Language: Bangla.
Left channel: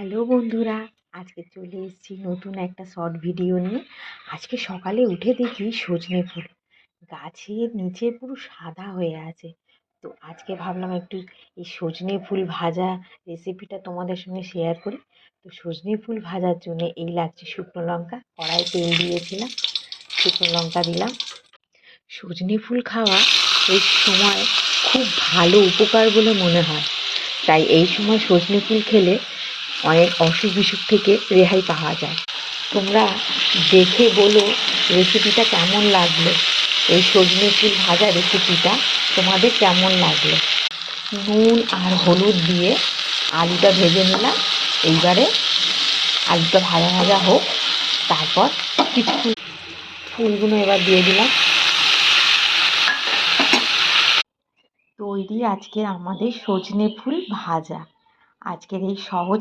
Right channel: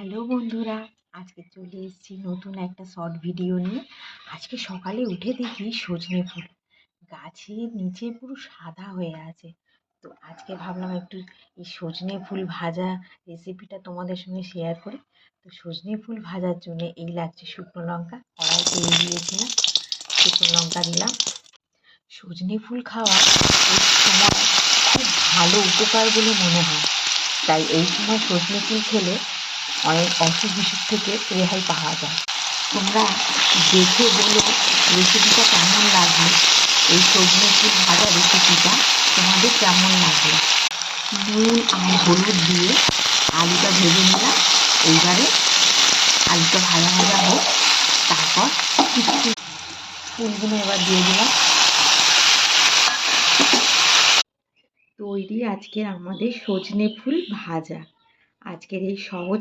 হ্যালো বন্ধুরা, আজকে চলে এসেছি নতুন একটা শর্ট ভিডিও নিয়ে। আজকে সকালে উঠে দেখি সজনে ফুল গাছের নিচে পুরো সাদা হয়ে আছে। তো আজকে ভাবলাম একটু এই সজনে ফুল ভাজা রেসিপিটা তোমাদের সঙ্গে শেয়ার করি। তো সজনে ফুল ভাজার জন্য এই লাগছে শুকনো লঙ্কা, কড়াই তেল দিয়েছিলাম, শুকনো লঙ্কা দিলাম। সজনে ফুল খাওয়া এই সময় খুব ভালো উপকার বলে মনে হয়, তাই এই সময় সজনে ফুল খেলে অনেক অসুখ বিসুখ থেকে রেহাই পাওয়া যায়। তোমরা দেখে বলো রেসিপিটা কেমন লাগলো, এই সজনে ফুল ভাজা রেসিপিটা তোমাদের কেমন লাগলো। নুন আর হলুদ দিয়ে আলুটা ভেজে নিলাম। এইবারে আলুটা ভাজা ভাজা হোক, তারপর কিছু ফুলগুলো এবার দিয়ে দিলাম। তৈরি আজকের আমাদের সজনে ফুল ভাজা। আজকের এই সহজ